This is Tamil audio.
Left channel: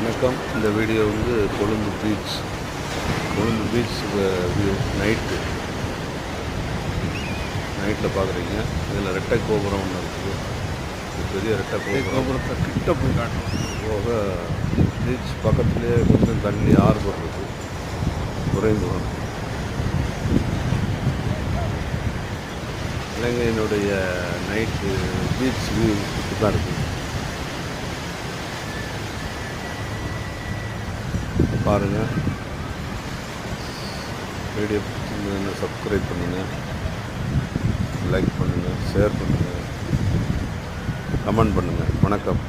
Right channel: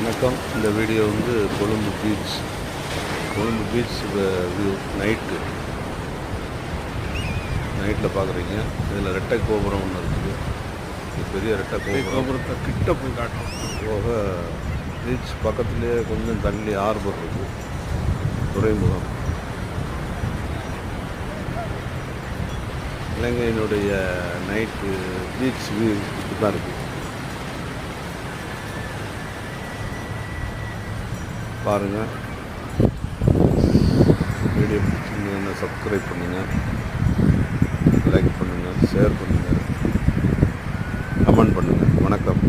வணக்கம். இந்த வீடியோ வந்து கொழும்பு பீச் வியூ நைட்டில் பார்க்குறீங்க. இதில் ரெட்டை கோபுரம் ஒன்று இருக்குது. இது பெரிய ரெட்டை கோபுரத்தை கிட்ட போய் காட்டணும். போக பீச் பக்கத்துலேயே கொஞ்சம் தள்ளி ஆர்பர் இருக்குது, துறைமுகம். இலங்கையினுடைய நைட்டு பீச் வியூ தான் இருக்குது. பாருங்கள். வீடியோ பிடிச்சிருந்ததுன்னா சப்ஸ்கிரைப் பண்ணுங்கள், லைக் பண்ணுங்கள், ஷேர் பண்ணுங்கள், கமெண்ட் பண்ணுங்கள். வணக்கம்.